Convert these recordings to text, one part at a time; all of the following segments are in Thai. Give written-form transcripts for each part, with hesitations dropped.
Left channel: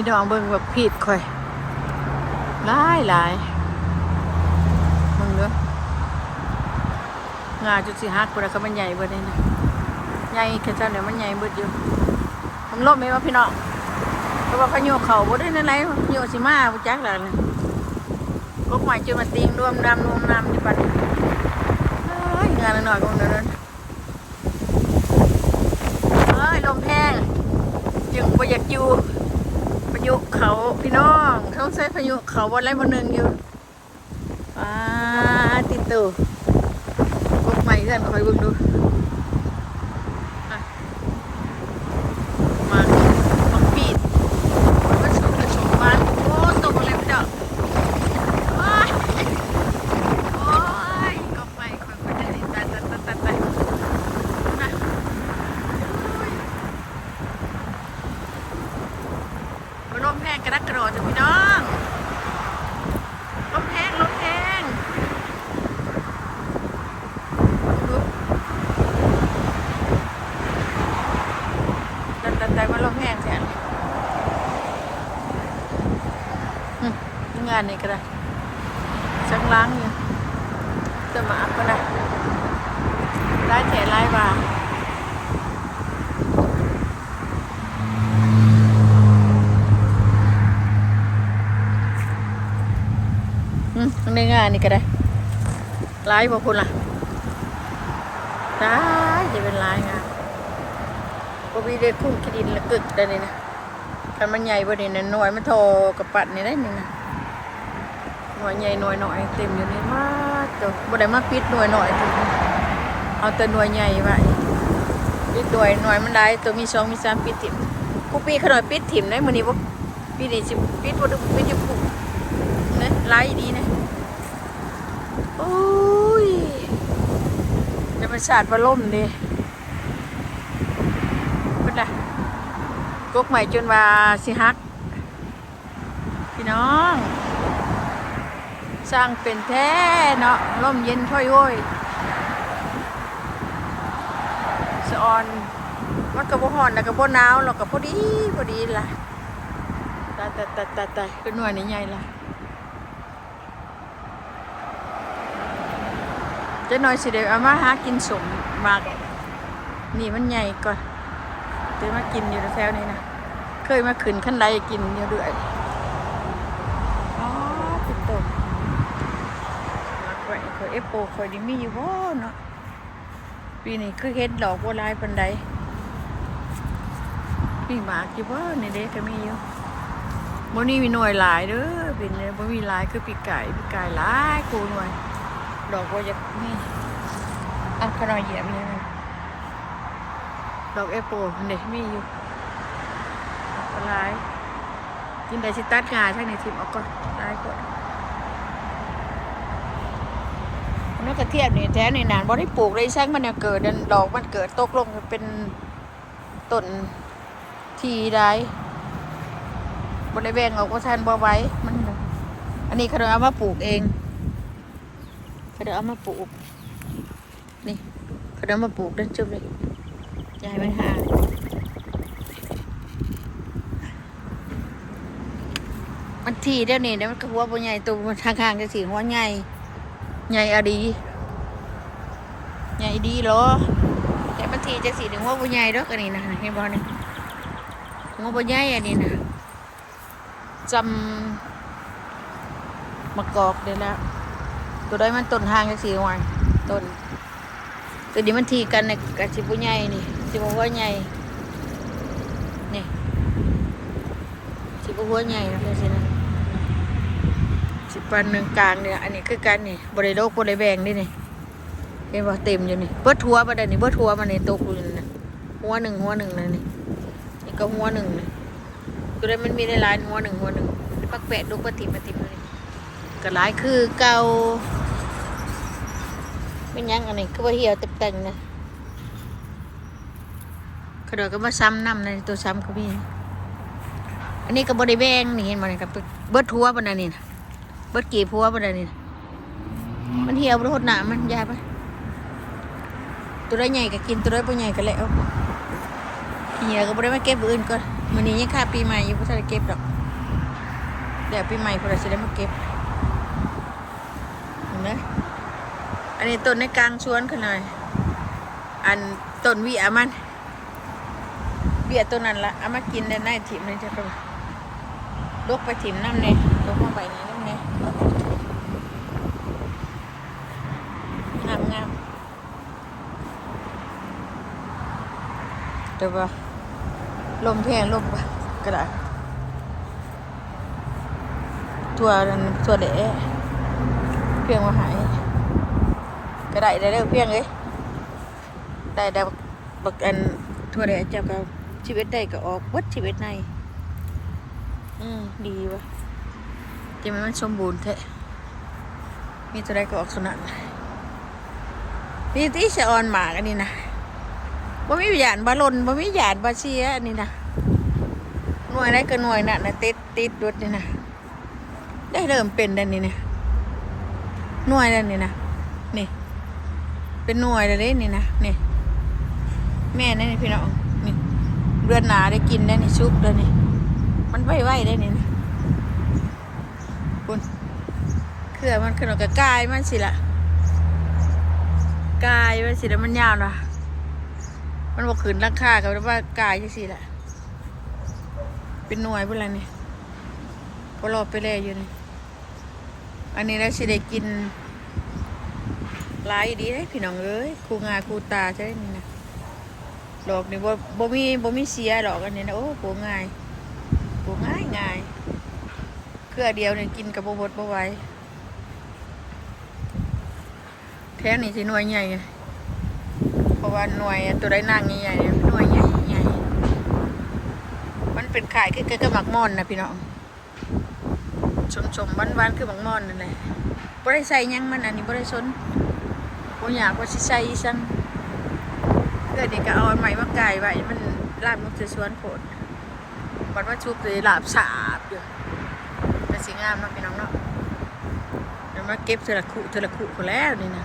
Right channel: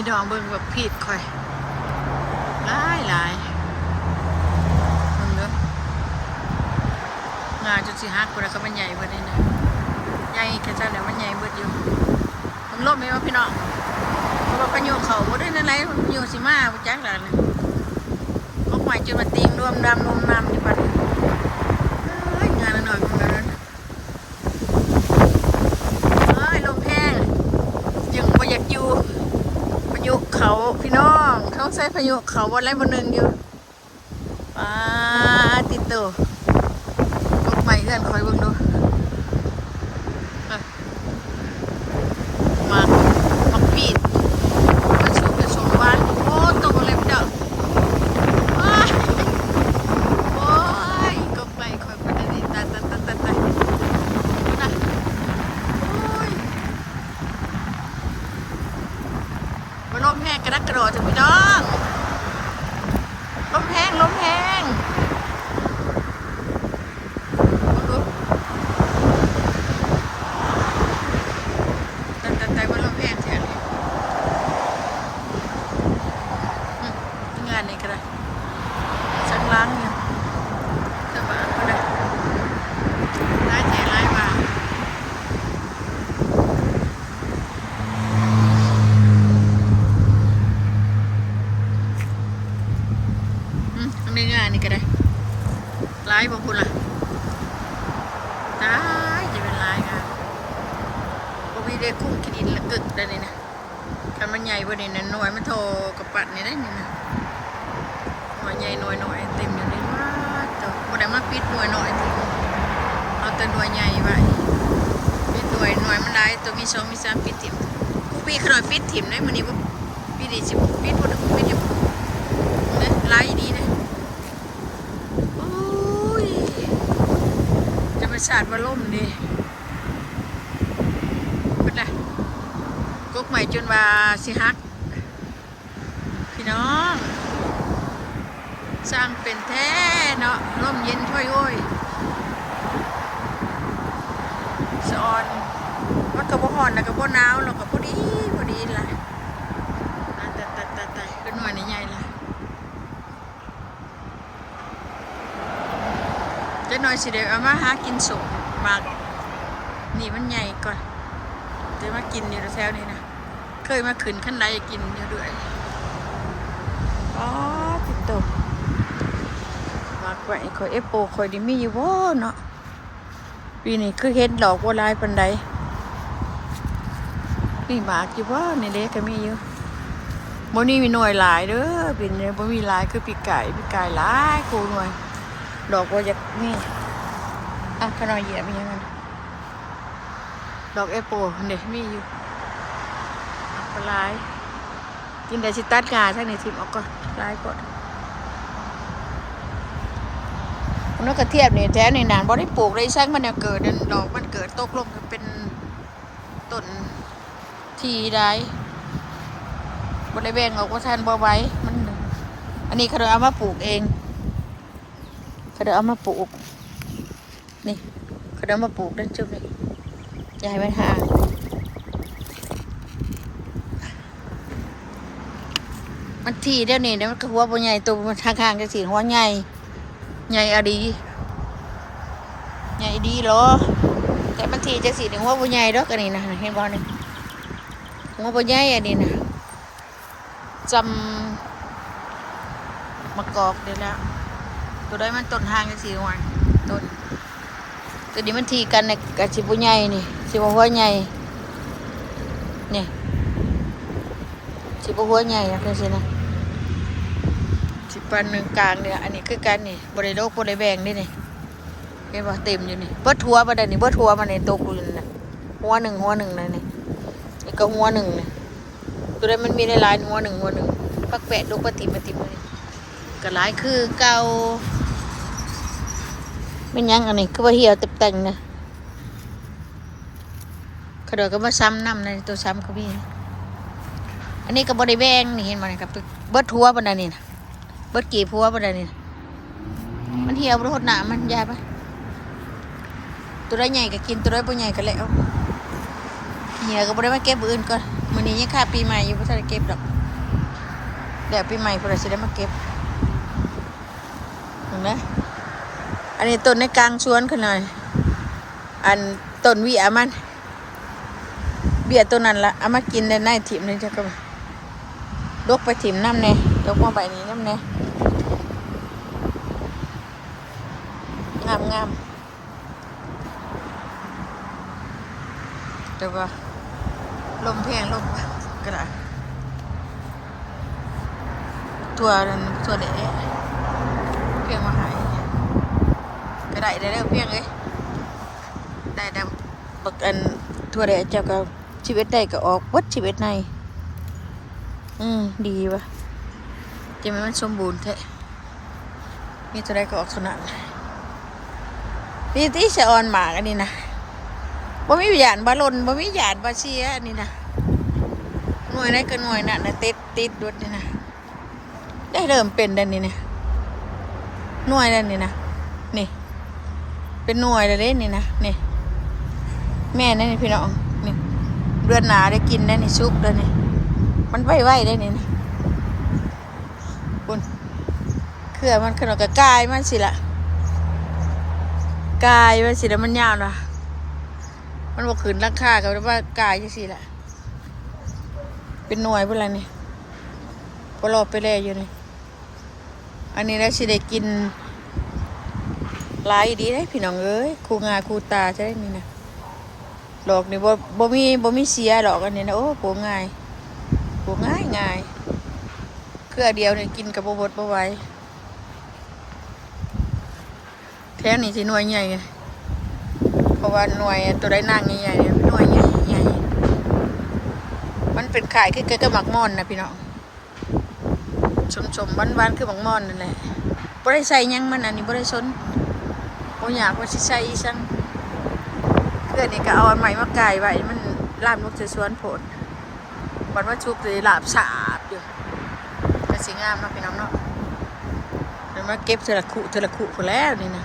พี่น้องเบิ่งแบบพีดค่อยหลายเบิ่งเด้องาจุดสิฮักกูแล้วก็มันใหญ่เบิดเลยนะใหญ่แค่จังเดี๋ยวมันใหญ่เบิดอยู่มันลบไหมวะพี่น้องเพราะว่าพายุเขาบ่ได้นั่นไรพายุสิมาบ่จักแล้วนะก็หมายจุดมาติงรวมดำรวมน้ำอยู่ปานนี้งานหน่อยๆตรงนั้นลมแห้งจึงบ่อยากอยู่พายุเขาพี่น้องท้องใส่พายุเขาวันไรวันหนึ่งอยู่ติดตู่กบใหม่เพื่อนคอยเบิ่งดูมาปักปีดมันสูงกระสุนวานโอ้ตกอะไรพี่น้องโอ้ยกบใหม่คอยไปได้ตายนะมันลมแห้งกระดักกระโดดจ้ะพี่น้องลมแห้งดูแต่ว่าลมแห้งใช่ไหมงานนี้ก็ได้ช่างล้างอยู่จะมาเขานะร้ายแฉร้ายบ่าในงานนี่ก็ได้ร้ายบอกคุณล่ะร้ายจะเป็นร้ายงานพอวีได้คุ้มกิดินละกึกได้เลยนะคันมันใหญ่บ่เนี่ยหน่วยมันโทกับปัดนี่ได้นี่นะหน่วยใหญ่หน่วยน้อยเต็มอยู่นี่ว่าจ้ะบ่ได้มาปิดหน่วยน้อยเอาแต่หน่วยใหญ่ไว้ปิดหน่วยมันได้ตัวมี2มี3ปิดถิ่มผู้ปีขนาดปิดถิ่มได้มื้อนี้บ่ปีนี้สิปิดบ่ได้ปิดจะผู้นะหลายดีนะโอ้ยจะไปสาดบ่ล่มดิเป็นไรกกใหม่จนว่าสิฮักพี่น้องสร้างเป็นแท้เนาะร่มเย็นช่วยโว้ยสะออนมันกระโบห่อนนะกระโบหนาวเรากระโบดีล่ะตายเป็นหน่วยนี้ใหญ่ล่ะจะหน่อยสิเดี๋ยวเอามาหากินสมมากนี่มันใหญ่ก่อนเดี๋ยวมากินอยู่แถวนี้นะเคยมาขึ้นขั้นใดกินอยู่ด้วยติดตกมากไปคอยโปคอยดิมีอยู่บ่เนาะปีนี้คือเห็นดอกบัวลายปันใดนี่หมากอยู่บ่นี่เด็กก็มีอยู่บ่นี่มีหน่วยหลายเด้อเป็นเนี่ยบ่มีหลายคือปีกไก่หลายโคหน่วยดอกบัวจะนี่ขนอยเหยียบมียังไงดอกโปเด็กมีอยู่ปลายกินได้ชิตัดงาใช่ไหมทิมออกก่อนปลายก่อนนกกระเทียบนี่แท้ในนานบ่ได้ปลูกได้ใช้มันเนี่ยเกิดดอกมันเกิดตกลงเป็นต้นทีได้บ่ได้แบ่งออกว่าท่านบ่ไว้มันอันนี้เขาเอามาปลูกเองเขาเอามาปลูกนี่เขาเอามาปลูกด้านจุดนี่อย่าให้มันห่างมันทีเดี๋ยวนี้เดี๋ยวมันก็หัวใหญ่ตัวมันทางๆจะสีหัวใหญ่อะดีใหญ่ดีเหรอแต่มันทีจะสีถึงหัวใหญ่ดอกอันนี้นะเห็นบ่เนี่ยหัวใหญ่อันนี้นะจำมะกอกเดี๋ยวแล้วตัวได้มันต้นทางจะสีหัวต้นตัวนี้มันทีกันในกับชิบุใหญ่นี่ชิบุหัวใหญ่นี่ชิบุหัวใหญ่นะคือสินะสิปันหนึ่งกลางเนี่ยอันนี้คือกันนี่บริโภคบริแบงนี่นี่เห็นป่ะเต็มอยู่นี่เบิดทัวมาได้นี่เบิดทัวมาในโต๊ะกูอยู่นี่หัวหนึ่งเลยนี่นี่ก็หัวหนึ่งนี่ตัวได้มันมีหลายหัวหนึ่งปักแปะลูกปฏิมาติมันก็หลายคือเก่าไม่ยั้งอันนี้คือว่าเหี่ยวแต่งเลยเขาเดี๋ยวก็มาซ้ำน้ำในตัวซ้ำเขาพี่อันนี้ก็บริแบงนี่เห็นมั้ยครับเบิดทัวมาได้นี่นะเบิดกี่พัวมาได้นี่มันเหี่ยวรดหนามันยาไปตัวได้ใหญ่ก็กินตัวได้บ่ใหญ่ก็แล้วเหี่ยวก็บ่ได้มาเก็บอื่นก่อน มื้อนี้ยังค่าปีใหม่อยู่บ่ทันได้เก็บดอกเดี๋ยวปีใหม่เพิ่นสิได้มาเก็บเห็นไหมอันนี้ต้นในกลางสวนขึ้นหน่อยอันต้นวิอามันเบี้ยต้นนั้นละเอามากินได้ในถิ่มเลยจ้ะก็ลกไปถิ่มน้ำแน่ยกมาใบนี้น้ำแน่งามแต่ว่าลมแพงลมก็ได้ตัวนั้นตัวเดะเพียงว่าหายก็ได้ได้เพียงเลยได้บักอันตัวเดะเจ้าก็ชีวิตได้ก็ออกวัดชีวิตในดีวะจะมันสมบูรณ์แท้นี่ตัวใดก็ออกเท่านั้นนี่ที่เสออนหมากอันนี้นะบ่มีหยาดบาลนบ่มีหยาดบาเชียอันนี้นะหน่วยได้ก็หน่วยน่ะนะติดรถนี่นะได้เริ่มเป็นดันนี้นะหน่วยดันนี้นะนี่เป็นหน่วยเลยนี่นะนี่แม่นั่นนี่พี่น้องนี่เดือนหนาได้กินได้นี่ซุปได้นี่มันไหวได้นี่นะคุณเครือมันขนมกระกายมันสิละกายมันสิแล้วมันยาวนะมันบอกขืนราคากับว่ากายจะสิละเป็นหน่วยพวกอะไรนี่พอรอไปแล้วอยู่นี่อันนี้แล้วสิได้กินหลายดีได้พี่น้องเอ้ยคูงาคูตาใช่ไหมนี่นะดอกนี่บ่มีเสียดอกอันนี้นะโอ้ปลูกง่ายเครือเดียวเนี่ยกินกับบ่ไหวแท้นี่สิหน่วยใหญ่ไงเพราะว่าหน่วยตัวได้นั่งใหญ่ๆเนี่ยหน่วยใหญ่มันเป็นไข่คือเกลือหมักม่อนนะพี่น้องชมหวานๆคือหมักม่อนนั่นแหละบ่ได้ใส่ยังมันอันนี้บ่ได้สนบ่อยากว่าสิใส่อีสังเพื่อนนี่ก็เอาอันใหม่มาไก่ไว้มันลาบนกสวนโผล่บัดว่าชุบเลยลาบสาบอยู่แต่สีงามเนาะพี่น้องเนาะเดี๋ยวมาเก็บเทละคุพอแล้วนี่นะ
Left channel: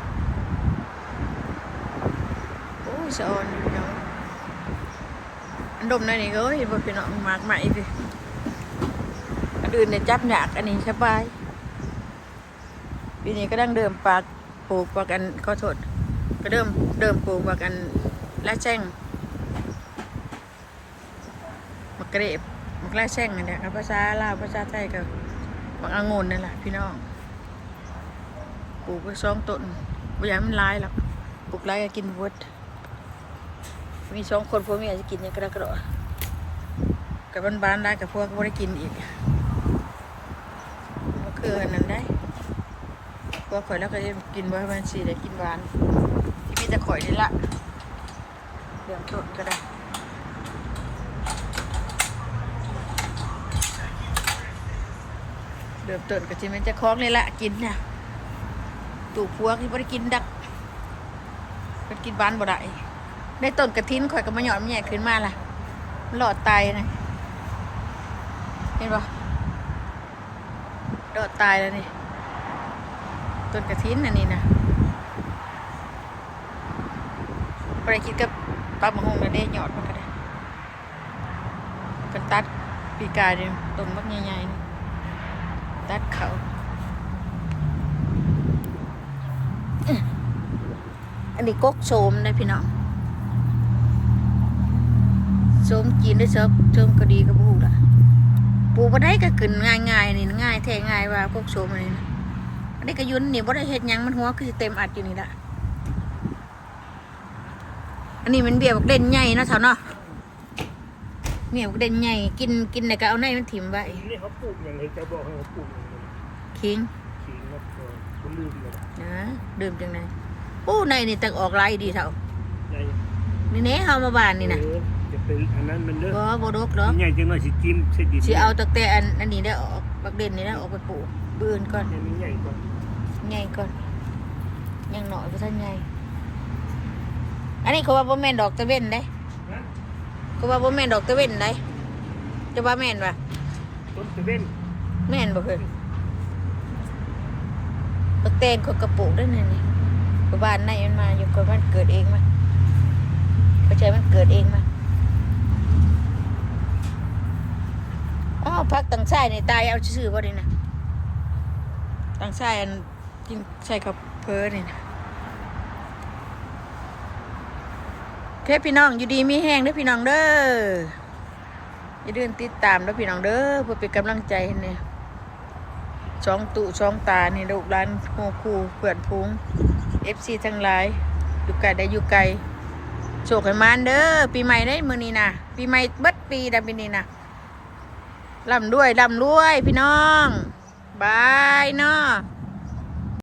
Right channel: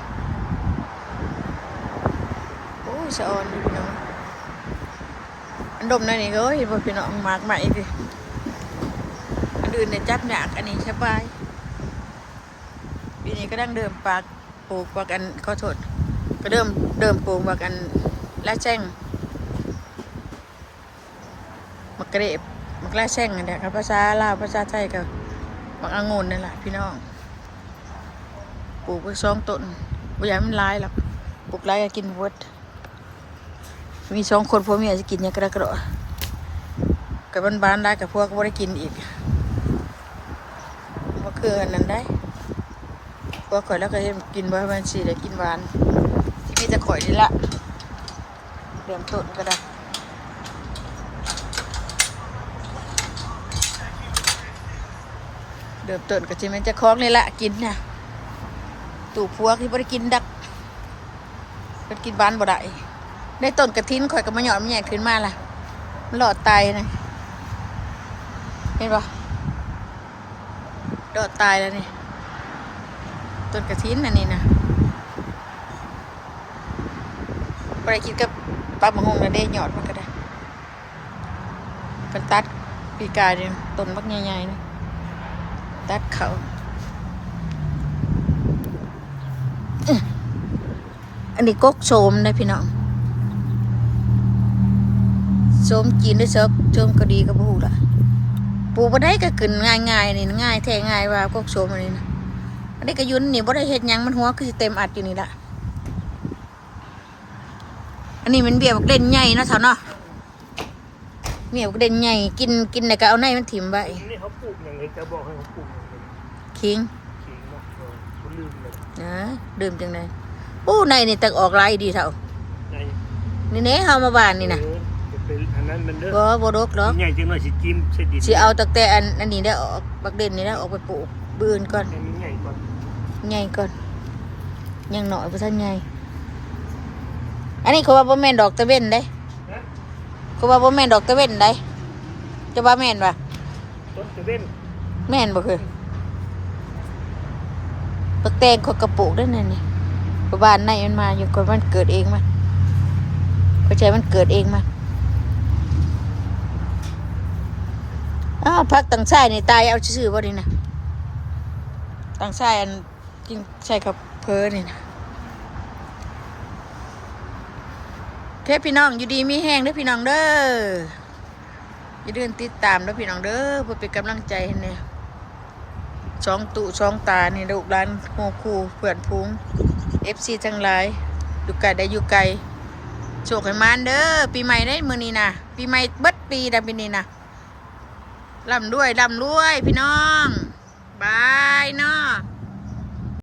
โอ้ยสะออนดิพี่น้องอันดมนั่นนี่ก็เห็นบ่พี่น้องมากใหม่ดิอันอื่นเนี่ยจับหนักอันนี้สบายปีนี้ก็ดั้งเดิมปากปลูกปากอันขอโทษก็เดิมปลูกปากอันละแจ้งมักเกรบมักละแจ้งอันเนี้ยครับภาษาลาวภาษาไทยก็มักองุ่นนั่นแหละพี่น้องปลูกไป2 ต้นบ่อยากมันหลายหรอกปลูกหลายอยากกินเวิร์ดมี2 คนพวกเมียจะกินอย่างกระโดดกับบ้านได้กับพวกก็บ่ได้กินอีกบ่คืออันนั้นได้พวกข่อยแล้วก็กินบ่ให้มันสิได้กินหวานที่มีแต่ข่อยนี่ละเริ่มต้นก็ได้เริ่มต้นก็จะมันจะคล้องนี่ละกินเนี่ยตู่พวกที่บ่ได้กินดักเป็นกินบ้านบ่ได้ในต้นกระถินข่อยก็มาหยอดมันใหญ่ขึ้นมาล่ะมันหลอดตายนะเห็นปะหลอดตายแล้วนี่ต้นกระถินอันนี้นะบ่ได้กินกับปลาหมึกหงนะได้หยอดมันก็ได้กันตัดปีกายเนี่ยต้นบักใหญ่ๆนะตัดเขาอันนี้กกโสมนะพี่น้องโสมกินด้วยเซิร์ฟโสมก็ดีกับบูละปลูกบ่ได้ก็ขึ้นง่ายๆนี่ง่ายแท้ง่ายว่ากกโสมอันนี้นะอันนี้ก็ยุ่นนี่บ่ได้เฮ็ดหยังมันหัวคือเต็มอัดอยู่นี่ละอันนี้มันเบี้ยบักเด่นใหญ่เนาะเฒ่าเนาะเบี้ยบักเด่นใหญ่กินแล้วก็เอาในมันถิ่มไว้นี่เขาปลูกอย่างไรจะบอกให้เขาปลูกอย่างไรคิงมาเขาลืมเลยนะดื่มจังไดโอ้ในนี่ตักออกลายดีเฒ่านี่เน่เฮามาบ้านนี่นะจะเป็นอันนั้นมันเด้อบ่ดกหรอกใหญ่จังหน่อยสิจิ้มใส่ดินสิเอาตั้งแต่อันนี้ได้ออกบักเด่นนี่ได้ออกไปปลูกบื้นก่อนใหญ่ก่อนยังหน่อยบ่ทันใหญ่อันนี้เขาว่าบ่แม่นดอกตะเว้นได้เขาว่าบ่แม่นดอกตะเว้นได้จะว่าแม่นป่ะต้นตะเว้นแม่นบ่คือบักแตงเขากระปลูกได้นั่นนี่บ้านในมันมาอยู่ก่อนมันเกิดเองมันเข้าใจมันเกิดเองมัน าวพักตังไส้นี่ตายเอาชื่อบ่ดีนะตังไส้อันกินใส่กับเพอนี่นะโอเคพี่น้องอยู่ดีมีแห้งเด้อพี่น้องเด้ออย่าลืมติดตามเด้อพี่น้องเด้อเพื่อเป็นกำลังใจให้เนี่ยช่องตุช่องตานี่ลูกหลานโมคูเพื่อนพุง FC ทั้งหลายอยู่ไกลได้อยู่ไกลโชคให้มานเด้อปีใหม่ได้มื้อนี้นะปีใหม่เบิดปีได้ปีนี้นะร่ำรวยพี่น้องบายเนาะ